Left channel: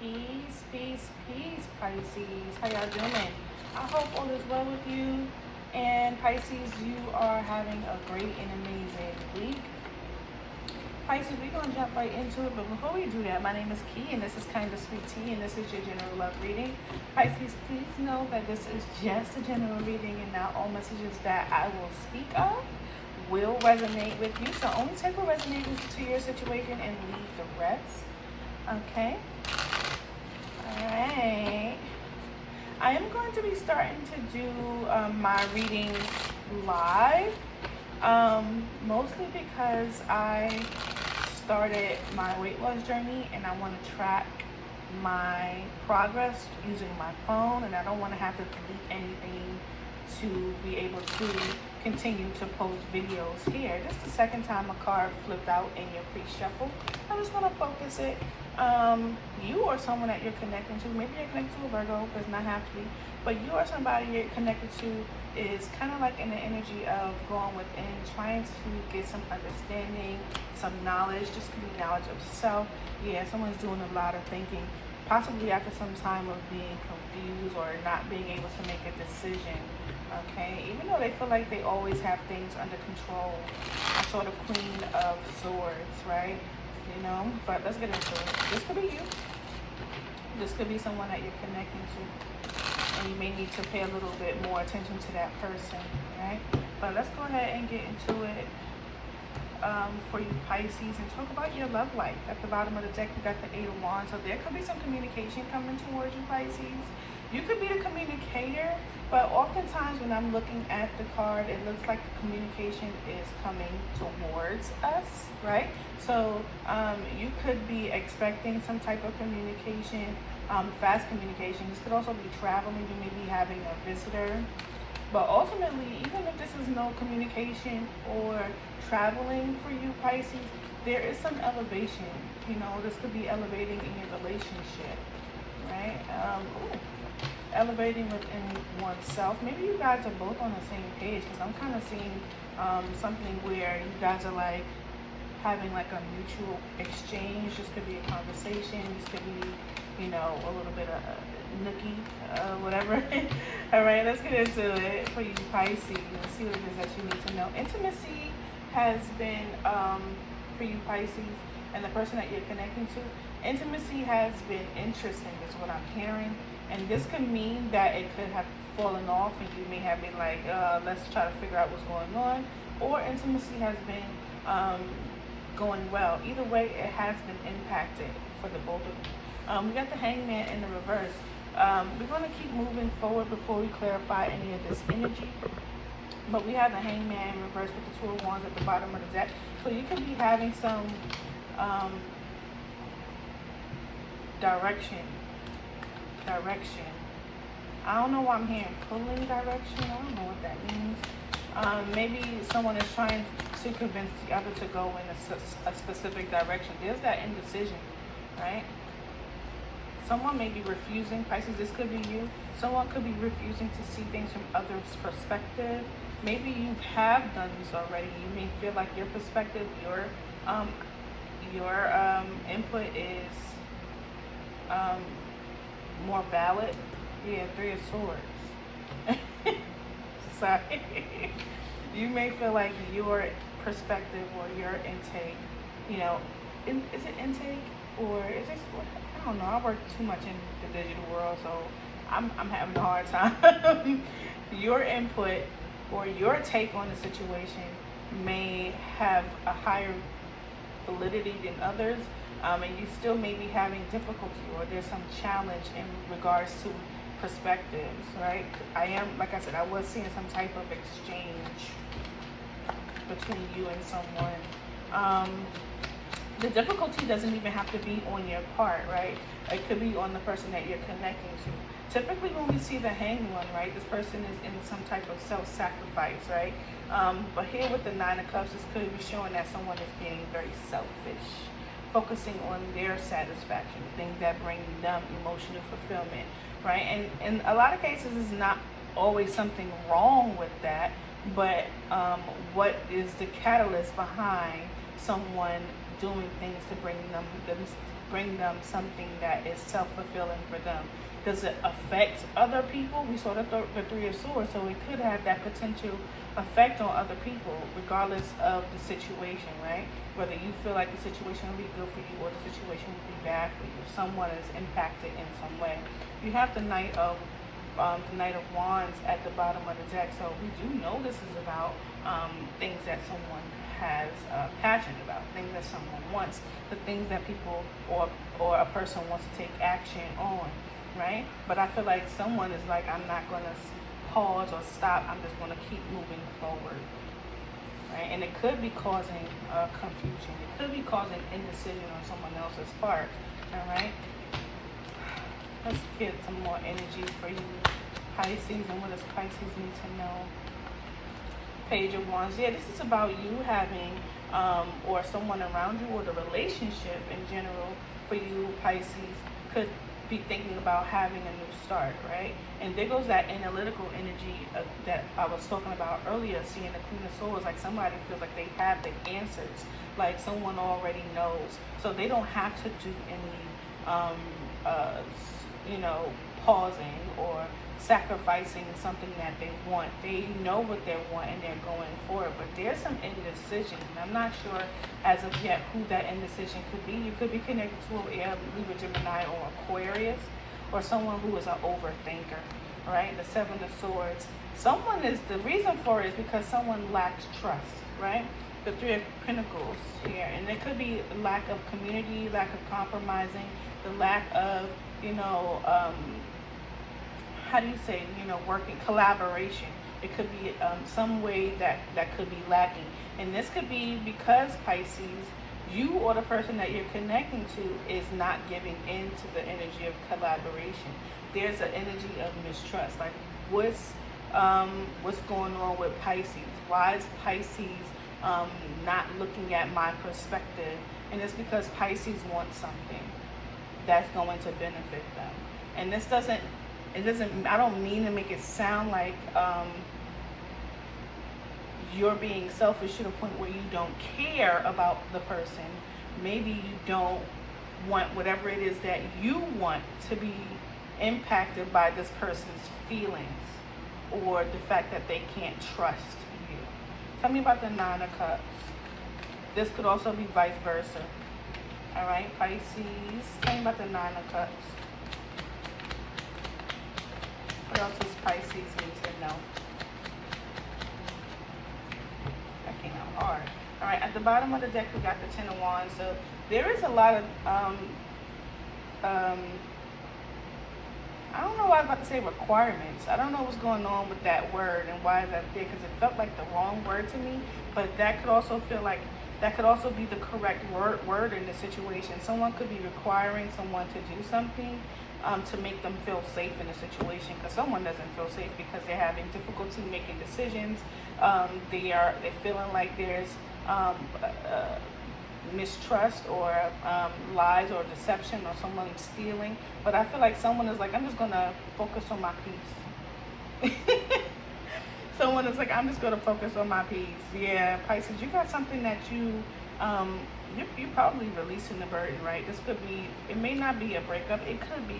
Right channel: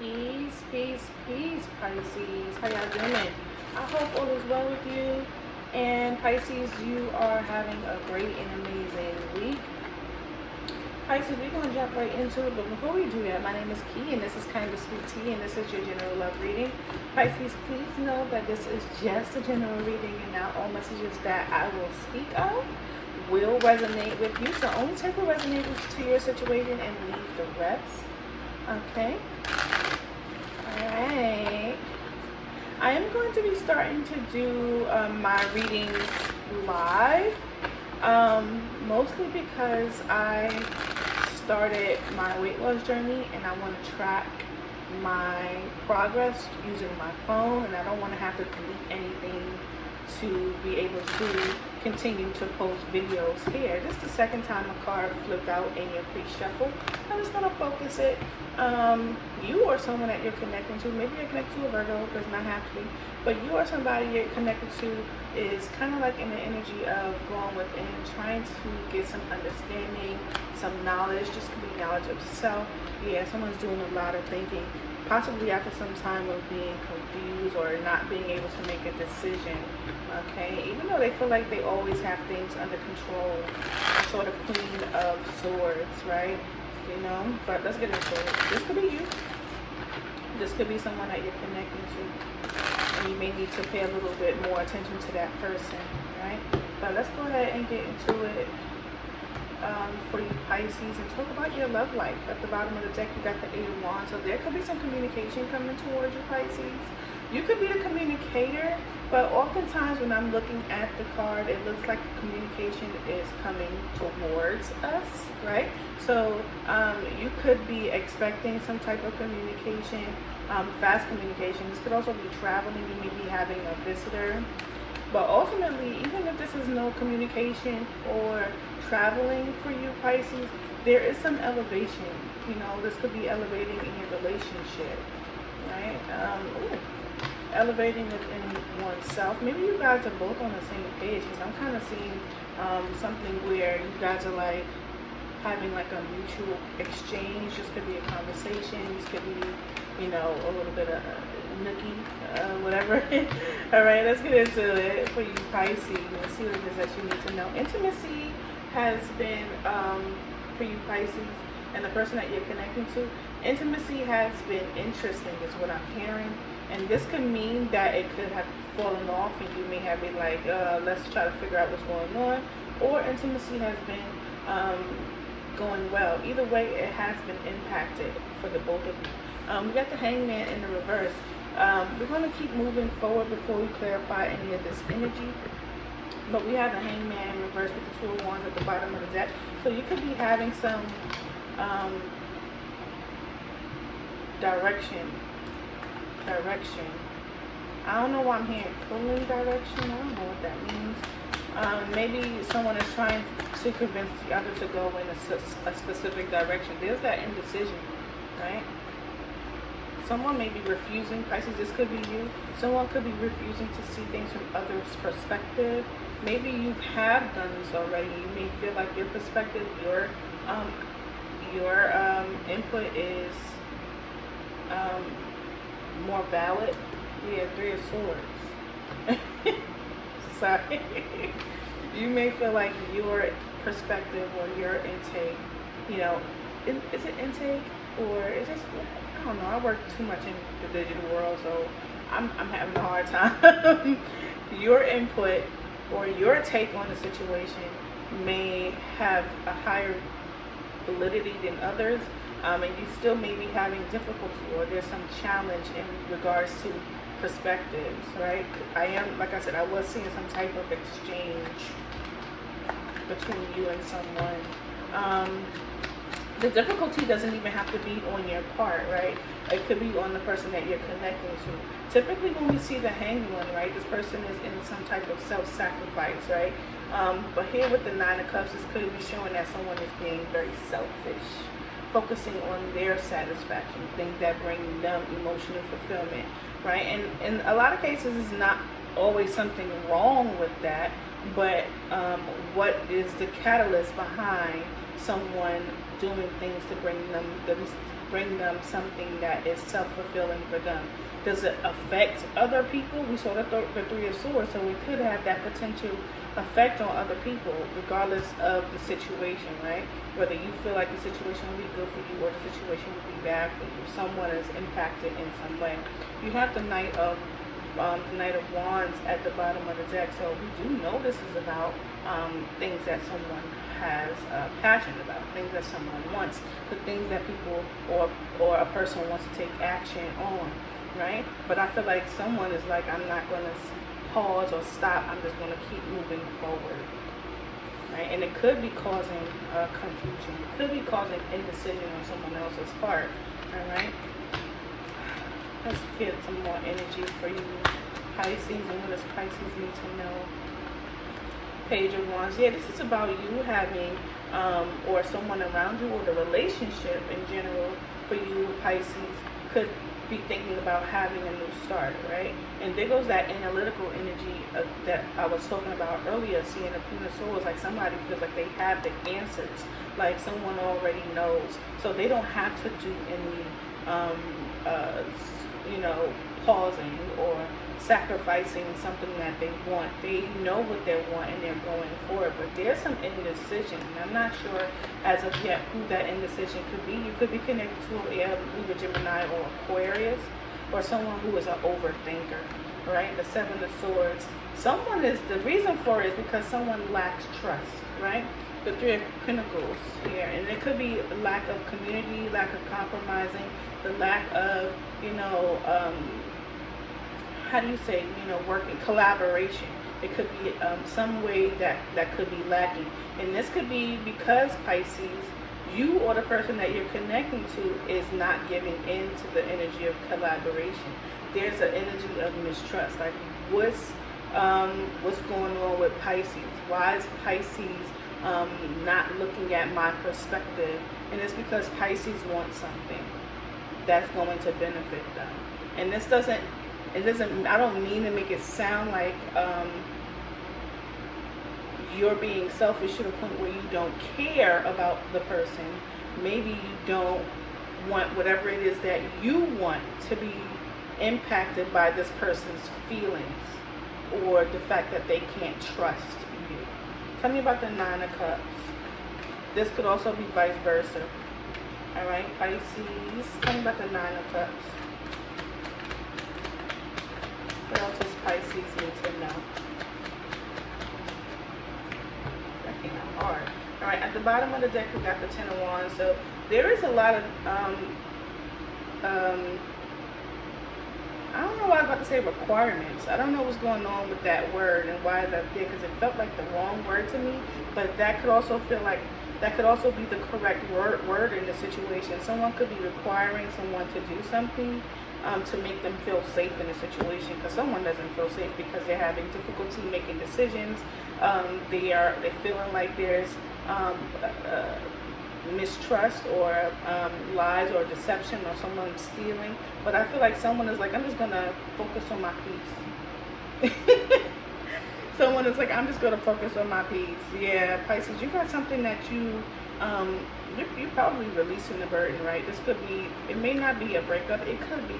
Peace, peace, peace, Pisces. How y'all doing? I hope all is well with you. And Pisces, you are having a great and amazing week. Pisces, we're going to jump right into it. But before we do that, my name is Key, and this is Kind of Sweet Tea, and this is your general love reading. Pisces, please know that this is just a general reading, and not all messages that I will speak of will resonate with you. So only take what resonates to your situation and leave the rest. Okay? Alright. I am going to be starting to do my readings live. Mostly because I started my weight loss journey and I want to track my progress using my phone, and I don't want to have to delete anything to be able to continue to post videos here. This is the second time a card flipped out in your pre-shuffle. I'm just going to focus it. You or someone that you're connecting to, maybe you're connected to a Virgo, does not have to be, but you or somebody you're connected to is kind of like in the energy of going within, trying to get some understanding, some knowledge. This could be knowledge of self. Yeah, someone's doing a lot of thinking, possibly after some time of being confused or not being able to make a decision. Okay, even though they feel like they always have things under control. Sort of Queen of Swords, right? You know, but let's get into it. This could be you. This could be someone that you're connecting to, and you may need to pay a little bit more attention to that person, right? But let's go ahead and get into it for you Pisces, and talk about your love life. At the bottom of the deck, you got the Eight of Wands, so there could be some communication coming towards you Pisces. You could be the communicator, but oftentimes when I'm looking at the card, it looks like the communication is coming towards us, right? So you could be expecting some type of communication, fast communication. This could also be traveling. You may be having a visitor. But ultimately, even if this is no communication or traveling for you, Pisces, there is some elevation. You know, this could be elevating in your relationship, right? Elevating within oneself. Maybe you guys are both on the same page, because I'm kind of seeing something where you guys are like having like a mutual exchange. This could be a conversation. This could be, you know, a little bit of nookie, whatever. All right, let's get into it for you Pisces. Let's see what it is that you need to know. Intimacy has been, for you Pisces, and the person that you're connecting to, intimacy has been interesting is what I'm hearing. And this could mean that it could have fallen off and you may have been like, let's try to figure out what's going on. Or intimacy has been going well. Either way, it has been impacted for the both of you. We got the Hangman in the reverse. We're going to keep moving forward before we clarify any of this energy. But we have the Hangman in reverse with the Two of Wands at the bottom of the deck. So you could be having some direction. I don't know why I'm hearing pulling direction. I don't know what that means. Maybe someone is trying to convince the other to go in a specific direction. There's that indecision, right? Someone may be refusing. Pisces, this could be you. Someone could be refusing to see things from others' perspective. Maybe you have done this already. You may feel like your perspective, your input is more valid. We have Three of Swords. Sorry. You may feel like your perspective or your intake, you know, is it intake or is it, I don't know, I work too much in the digital world, so I'm having a hard time. Your input or your take on the situation may have a higher validity than others. And you still may be having difficulty, or there's some challenge in regards to perspectives, right? Like I said, I was seeing some type of exchange between you and someone. The difficulty doesn't even have to be on your part, right? It could be on the person that you're connecting to. Typically when we see the Hanged One, right, this person is in some type of self-sacrifice, right? But here with the Nine of Cups, this could be showing that someone is being very selfish, focusing on their satisfaction, things that bring them emotional fulfillment, right? And in a lot of cases, it's not always something wrong with that, but what is the catalyst behind someone doing things to bring bring them something that is self-fulfilling for them. Does it affect other people? We saw the Three of Swords, so it could have that potential effect on other people, regardless of the situation, right? Whether you feel like the situation will be good for you or the situation will be bad for you. Someone is impacted in some way. You have the Knight of Wands at the bottom of the deck, so we do know this is about things that someone has passion about, things that someone wants, the things that people or a person wants to take action on, right? But I feel like someone is like, I'm not going to pause or stop, I'm just going to keep moving forward, right? And it could be causing confusion, it could be causing indecision on someone else's part, all right? Let's get some more energy for you, Pisces, and what does Pisces need to know? Page of Wands. Yeah, this is about you having, or someone around you, or the relationship in general for you, Pisces, could be thinking about having a new start, right? And there goes that analytical energy that I was talking about earlier, seeing the Queen of Swords, like somebody feels like they have the answers, like someone already knows, so they don't have to do any pausing or sacrificing something that they want. They know what they want and they're going for it. But there's some indecision, and I'm not sure as of yet who that indecision could be. You could be connected to a Libra, Gemini, or Aquarius, or someone who is an overthinker, right? The Seven of Swords. Someone is, the reason for it is because someone lacks trust, right? The Three of Pentacles here, and it could be lack of community, lack of compromising, the lack of, how do you say, working, collaboration. It could be some way that could be lacking. And this could be because, Pisces, you or the person that you're connecting to is not giving in to the energy of collaboration. There's an energy of mistrust. Like, what's going on with Pisces? Why is Pisces not looking at my perspective? And it's because Pisces wants something that's going to benefit them. And this doesn't, I don't mean to make it sound like you're being selfish to the point where you don't care about the person. Maybe you don't want whatever it is that you want to be impacted by this person's feelings or the fact that they can't trust you. Tell me about the Nine of Cups. This could also be vice versa. All right, Pisces. Tell me about the Nine of Cups. What else does Pisces need to know? That came out hard. All right, at the bottom of the deck, we got the Ten of Wands. So there is a lot of, I don't know why I was about to say requirements. I don't know what's going on with that word and why it's up there, because it felt like the wrong word to me. But that could also feel like, that could also be the correct word in the situation. Someone could be requiring someone to do something to make them feel safe in a situation, because someone doesn't feel safe because they're having difficulty making decisions. They're feeling like there's mistrust or lies or deception or someone stealing. But I feel like someone is like, I'm just gonna focus on my peace. Someone is like, I'm just gonna focus on my peace. Yeah, Pisces, you got something that you're probably releasing the burden, right? This could be, it may not be a breakup, it could be,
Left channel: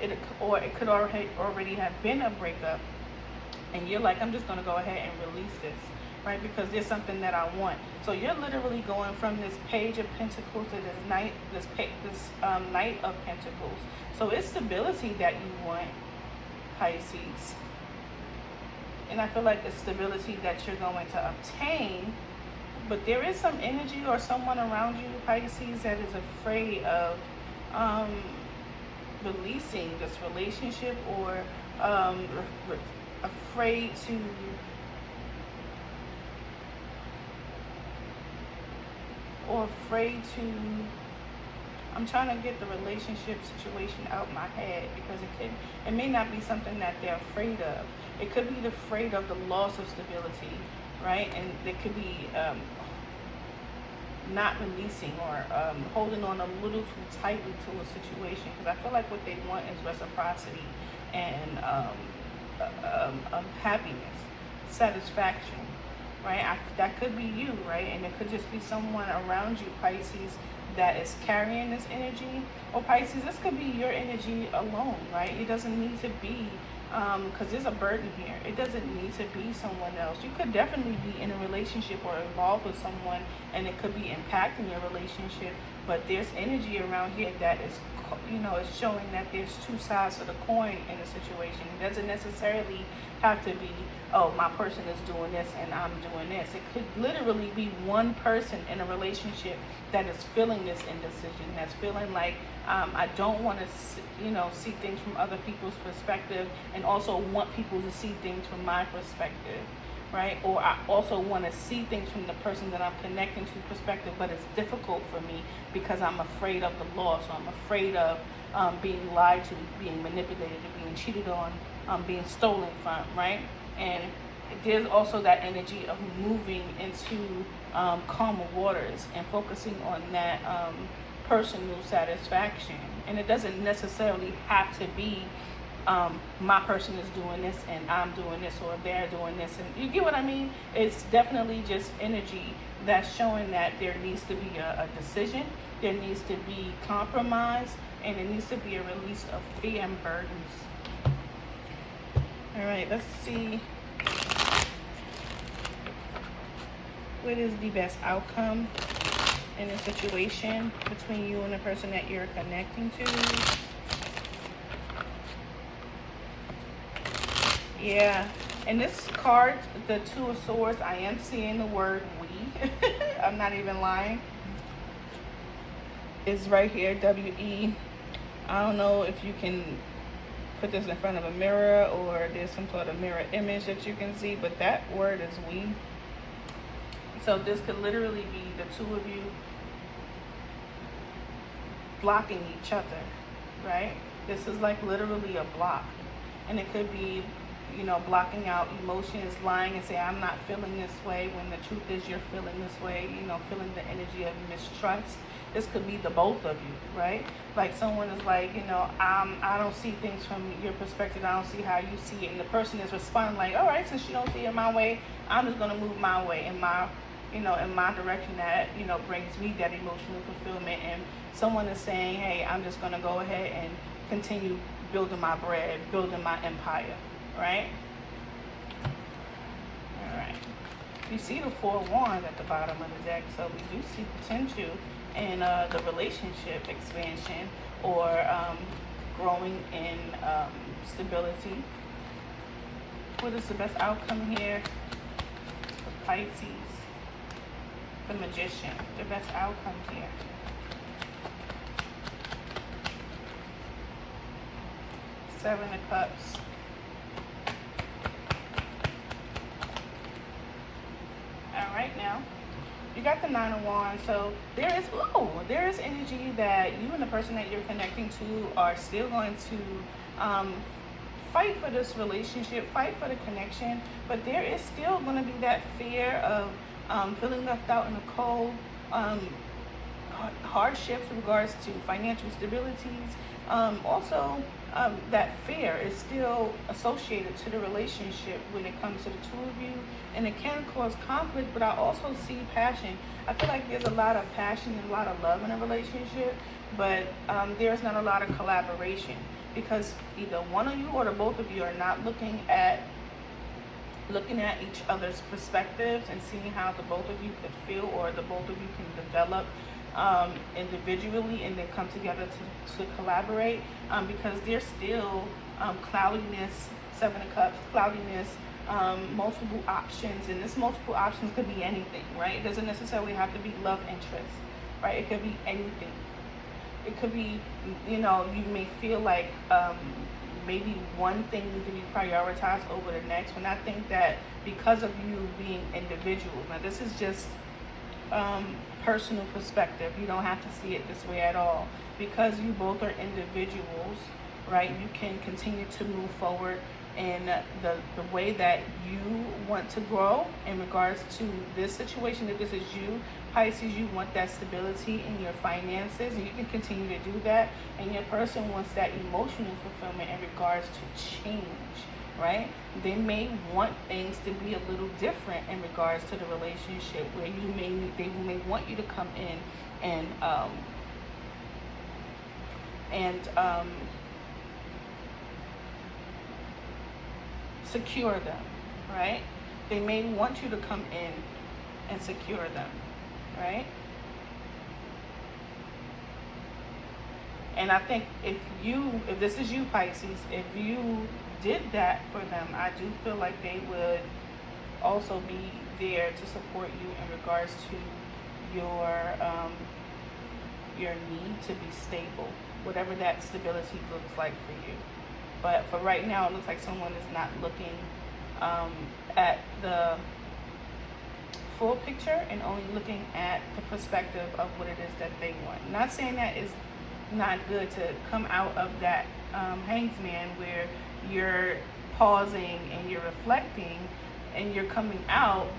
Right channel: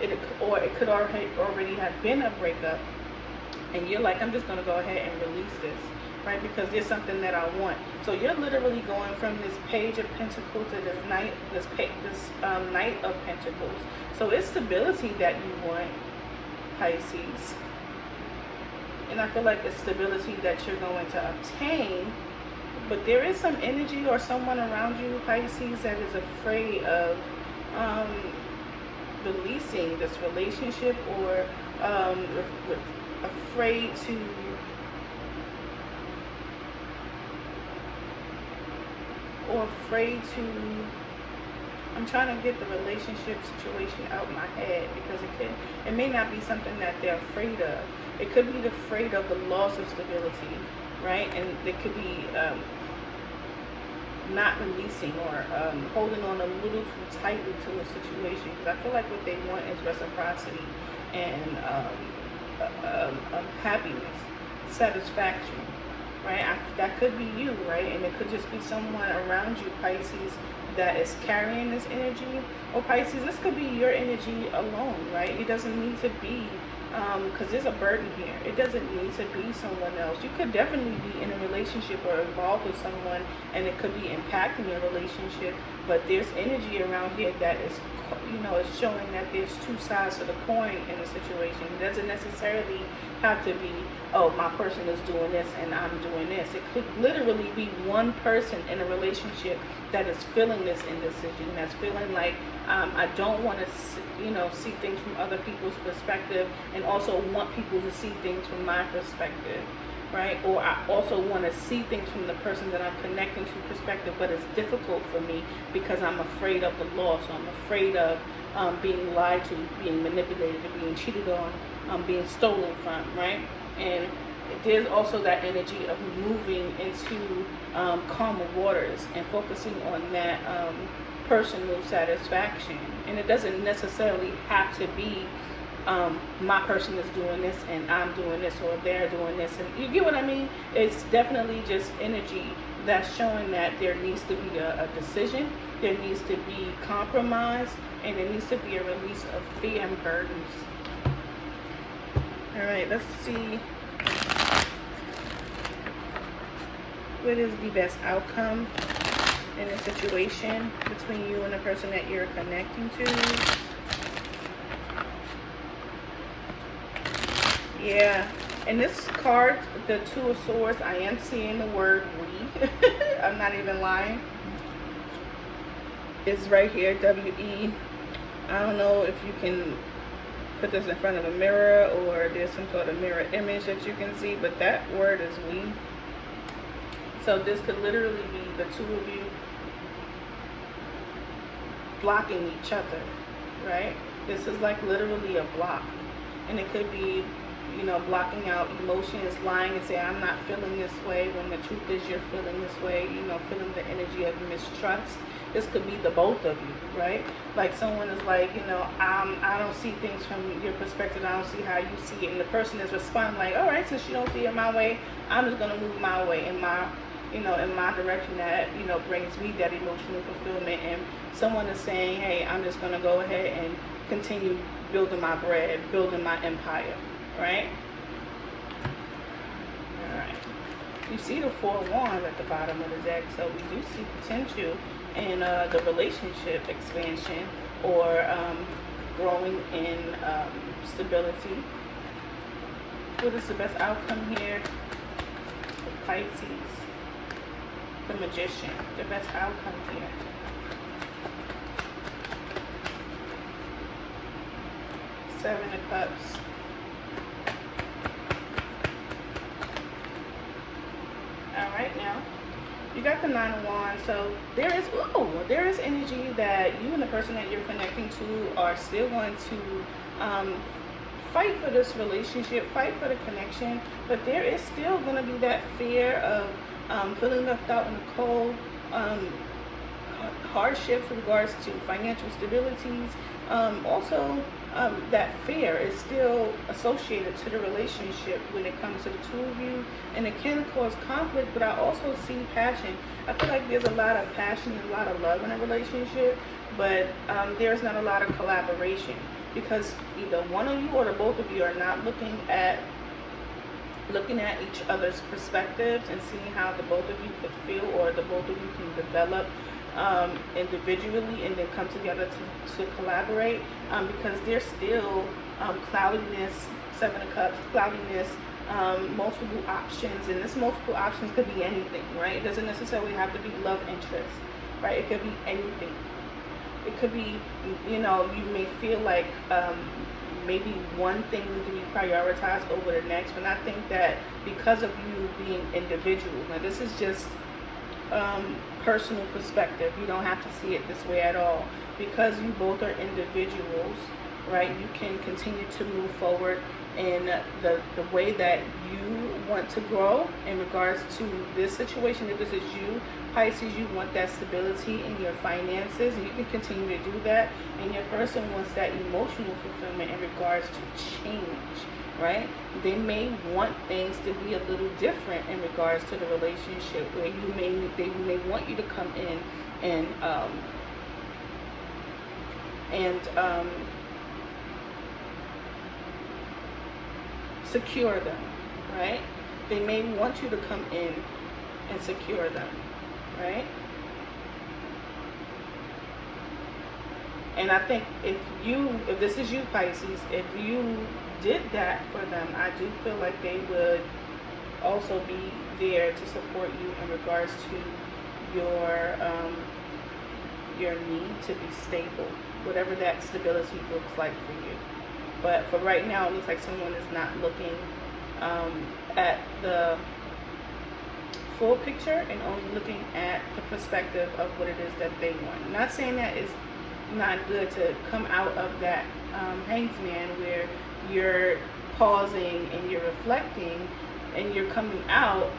it could already have been a breakup, and you're like, I'm just gonna go ahead and release this, right? Because there's something that I want. So you're literally going from this Page of Pentacles to this Knight of Pentacles. So it's stability that you want, Pisces. And I feel like it's stability that you're going to obtain. But there is some energy or someone around you, Pisces, that is afraid of releasing this relationship, or afraid to I'm trying to get the relationship situation out of my head, because it may not be something that they're afraid of. It could be afraid of the loss of stability, right? And it could be not releasing or holding on a little too tightly to a situation, because I feel like what they want is reciprocity and happiness, satisfaction, right? That could be you, right? And it could just be someone around you, Pisces, that is carrying this energy. Or Pisces, this could be your energy alone, right? It doesn't need to be, because there's a burden here. It doesn't need to be someone else. You could definitely be in a relationship or involved with someone, and it could be impacting your relationship. But there's energy around here that is, it's showing that there's two sides to the coin in a situation. It doesn't necessarily have to be, oh, my person is doing this and I'm doing this. It could literally be one person in a relationship that is feeling this indecision, that's feeling like, I don't want to, see things from other people's perspective, and also want people to see things from my perspective, right? Or I also want to see things from the person that I'm connecting to perspective, but it's difficult for me because I'm afraid of the loss, or I'm afraid of being lied to, being manipulated, being cheated on, being stolen from, right? And there's also that energy of moving into calmer waters and focusing on that personal satisfaction. And it doesn't necessarily have to be my person is doing this and I'm doing this, or they're doing this, and you get what I mean? It's definitely just energy that's showing that there needs to be a decision, there needs to be compromise, and there needs to be a release of fear and burdens. All right, let's see. What is the best outcome in a situation between you and the person that you're connecting to? Yeah, in this card, the Two of Swords, I am seeing the word we. I'm not even lying. It's right here, W-E. I don't know if you can put this in front of a mirror or there's some sort of mirror image that you can see, but that word is we. So this could literally be the two of you blocking each other, right? This is like literally a block. And it could be, blocking out emotions, lying and say, I'm not feeling this way, when the truth is you're feeling this way, feeling the energy of mistrust. This could be the both of you, right? Like someone is like, I don't see things from your perspective, I don't see how you see it. And the person is responding like, all right, since you don't see it my way, I'm just going to move my way in my direction that, brings me that emotional fulfillment. And someone is saying, hey, I'm just going to go ahead and continue building my bread, building my empire, right? All right. You see the Four of Wands at the bottom of the deck, so we do see potential in the relationship expansion or growing in stability. What is the best outcome here for Pisces? The Magician, the best outcome here. Seven of Cups. All right, now you got the Nine of Wands. So there is energy that you and the person that you're connecting to are still going to fight for this relationship, fight for the connection, but there is still going to be that fear of feeling left out in the cold, hardships in regards to financial stabilities. Also, that fear is still associated to the relationship when it comes to the two of you, and it can cause conflict, but I also see passion. I feel like there's a lot of passion and a lot of love in a relationship, but there's not a lot of collaboration, because either one of you or the both of you are not looking at each other's perspectives and seeing how the both of you could feel, or the both of you can develop individually and then come together to collaborate, because there's still cloudiness, Seven of Cups, cloudiness, multiple options, and this multiple options could be anything, right? It doesn't necessarily have to be love interest, right? It could be anything. It could be, you may feel like maybe one thing needs to be prioritized over the next, and I think that because of you being individuals, now this is just personal perspective, you don't have to see it this way at all, because you both are individuals, right? You can continue to move forward in the way that you want to grow in regards to this situation. If this is you, Pisces, you want that stability in your finances, and you can continue to do that. And your person wants that emotional fulfillment in regards to change, right? They may want things to be a little different in regards to the relationship, where they may want you to come in and secure them, right? They may want you to come in and secure them, right? And I think if this is you, Pisces, if you did that for them, I do feel like they would also be there to support you in regards to your need to be stable, whatever that stability looks like for you. But for right now, it looks like someone is not looking at the full picture and only looking at the perspective of what it is that they want. Not saying that it's not good to come out of that Hanged Man where you're pausing and you're reflecting and you're coming out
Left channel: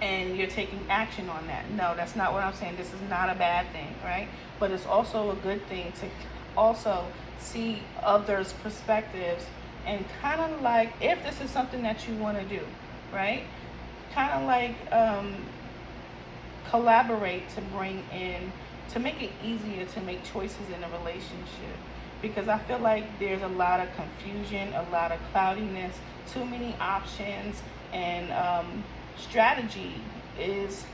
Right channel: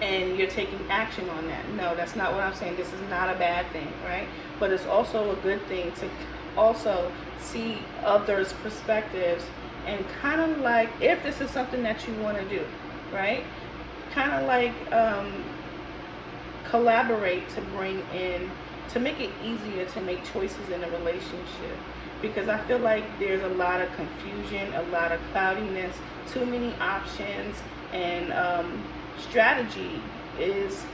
and you're taking action on that. No, that's not what I'm saying. This is not a bad thing, right? But it's also a good thing to also see others' perspectives and kind of like, if this is something that you want to do, right? Kind of like collaborate to bring in, to make it easier to make choices in a relationship. Because I feel like there's a lot of confusion, a lot of cloudiness, too many options, and strategy is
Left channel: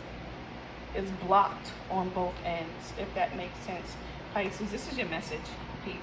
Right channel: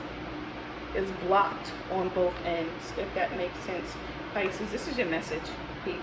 blocked on both ends, if that makes sense. Pisces, this is your message. Peace.